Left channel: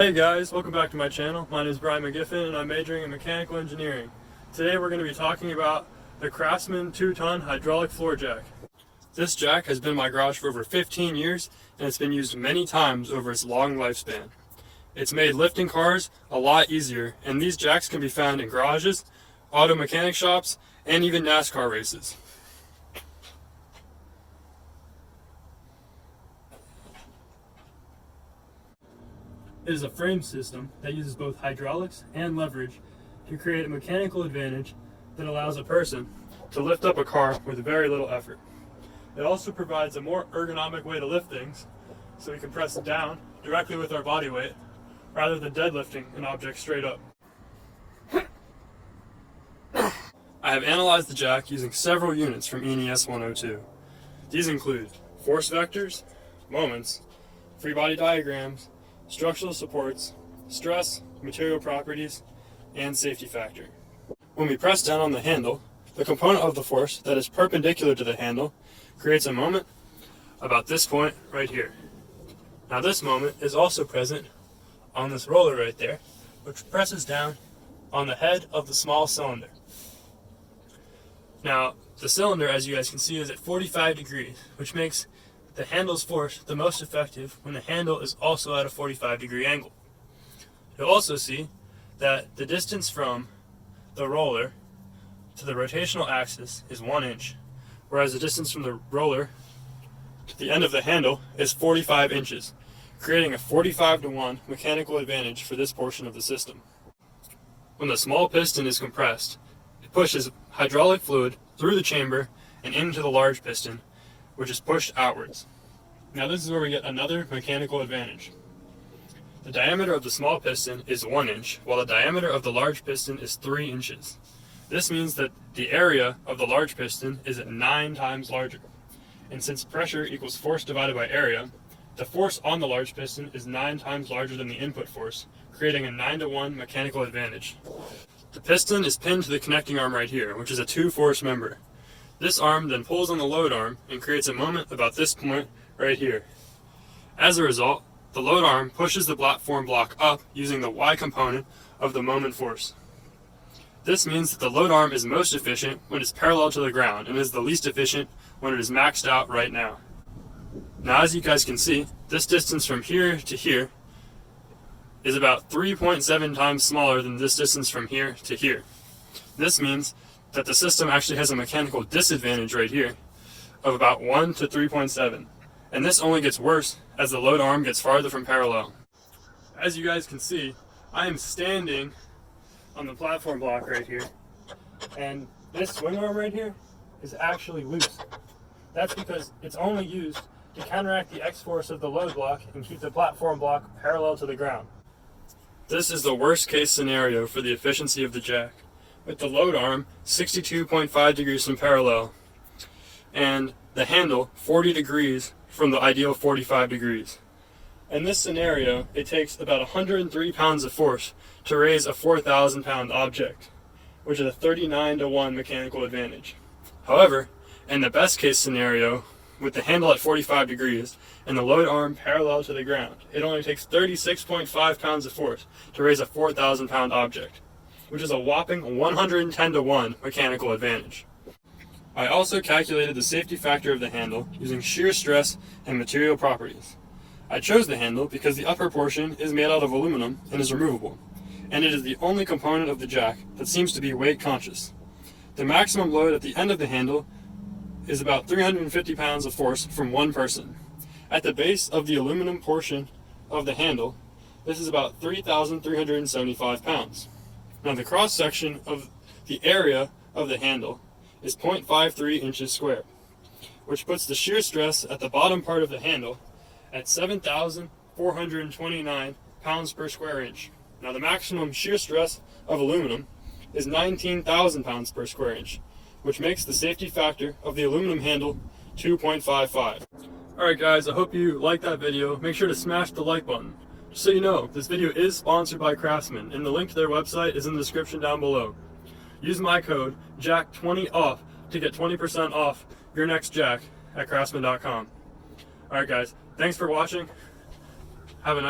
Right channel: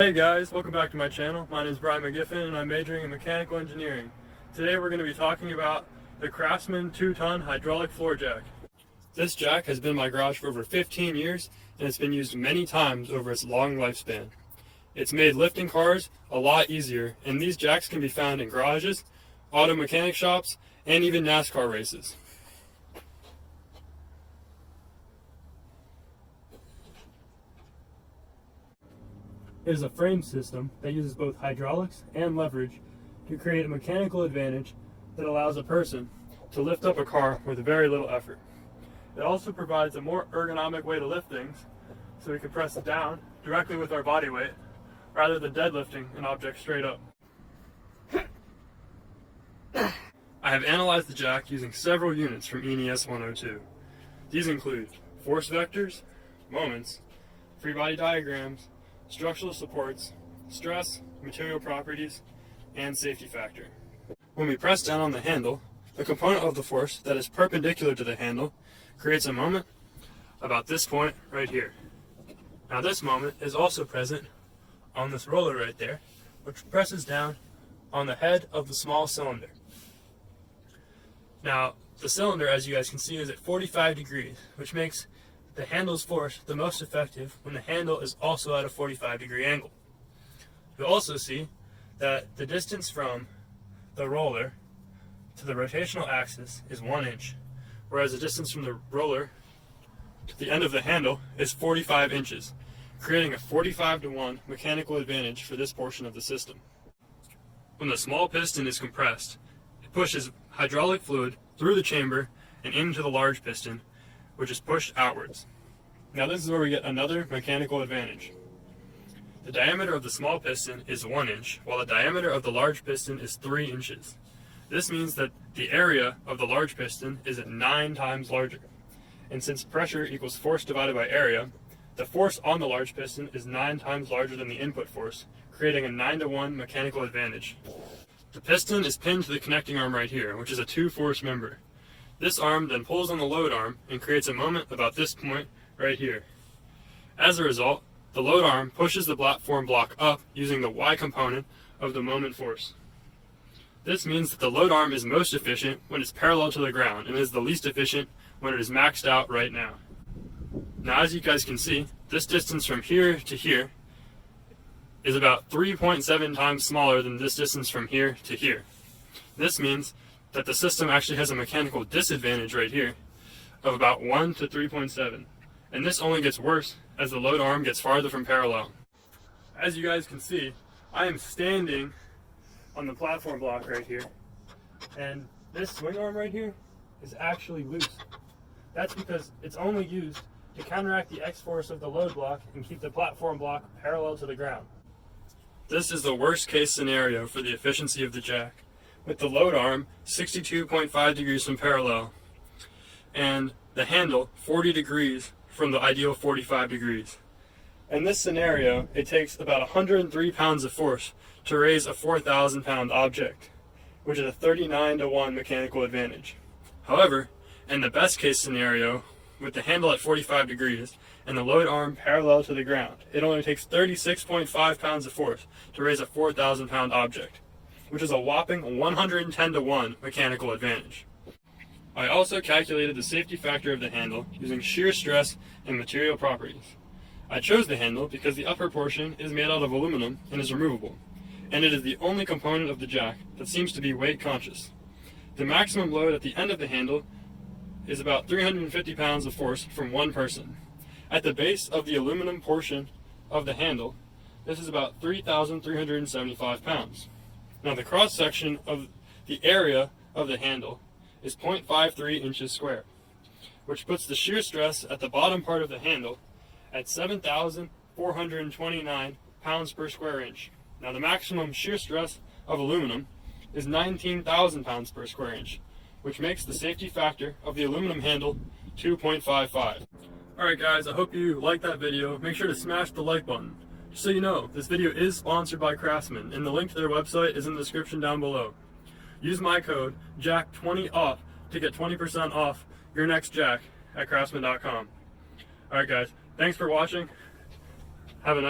Hey guys, welcome back to my channel. My name is Mcgiffin and I'm majoring in mechanical engineering. Today we're going to be talking about the Craftsman 2-ton hydraulic floor jack. This jack has been in my garage for over 15 years and it's been used many times over its long lifespan. It's made lifting cars a lot easier, and these jacks can be found in garages, auto mechanic shops, and even NASCAR races. It is a frame system that uses both hydraulics and leverage to create a mechanical advantage that allows a person to lift up a car with very little effort. It also provides a more ergonomic way to lift things, so we can press it down directly with our body weight rather than deadlifting an object straight up. I have analyzed the jack using several units from NES 102. These include force vectors, moments, free body diagrams, structural supports, stress, material properties, and safety factor. When we press down on the handle, the component of the force that is perpendicular to the handle creates a moment about this point right here. Now this moment is also present on this roller right there, which presses down on the head of the small cylinder. Now the cylinder, as you guys can see, is at 45 degrees, which makes the handle's force the most effective when the handle is also at a 45-degree angle. You'll also see that the distance from the roller to the rotational axis is 1 inch, whereas the distance from the roller to the end of the handle is 45 inches, creating a 45-to-1 mechanical advantage for this portion of the system. When the small piston is compressed, it pushes hydraulic fluid through the chamber and into the large piston, which is pushed outwards. Now this is where we get another mechanical advantage. The diameter of the small piston is 1 inch, while the diameter of the large piston is 3 inches. This means that the area of the large piston is 9 times larger. And since pressure equals force divided by area, the force on the large piston is 9 times larger than the input force, creating a 9-to-1 mechanical advantage. The piston is pinned to the connecting arm right here, which is a 2-force member. This arm then pulls on the load arm and creates a moment about this point right here. As a result, the load arm pushes the platform block up using the Y component of the moment force. This means that the load arm is most efficient when it's parallel to the ground and is the least efficient when it is maxed out right now. Now as you guys can see, this distance from here to here is about 3.7 times smaller than this distance from here to here. This means that the system actually has a mechanical disadvantage right here of about 1 to 3.7. And this only gets worse as the load arm gets farther from parallel. As you guys can see, I am standing on the platform block right here, and this swing arm right here is actually loose. That's because it's only used to counteract the X-force of the load block and keep the platform block parallel to the ground. This is the worst case scenario for the efficiency of the jack, with the load arm 62.5 degrees from parallel and the handle 40 degrees from the ideal 45 degrees. In this scenario, it takes about 103 pounds of force to raise a 4,000-pound object, which is a 39-to-1 mechanical advantage. However, in the best case scenario, with the handle at 45 degrees and the load arm parallel to the ground, it only takes 36.5 pounds of force to raise a 4,000-pound object, which is a whopping 110-to-1 mechanical advantage. I also calculated the safety factor of the handle using shear stress and material properties. I chose the handle because the upper portion is made out of aluminum and is removable, and it is the only component of the jack that seems to be weight conscious. The maximum load at the end of the handle is about 350 pounds of force from one person. At the base of the aluminum portion of the handle, this is about 3,375 pounds. Now the cross section of the area of the handle is 0.53 inches square, which puts the shear stress at the bottom part of the handle at 7,429 pounds per square inch. Now the maximum shear stress of aluminum is 19,000 pounds per square inch, which makes the safety factor of the aluminum handle 2.55. Alright guys, I hope you liked that video. Make sure to smash the like button. Just so you know, this video is sponsored by Craftsman, and the link to their website is in the description down below. Use my code JACK20OFF to get 20% off your next jack at Craftsman.com. Alright guys, thanks for watching. Have a nice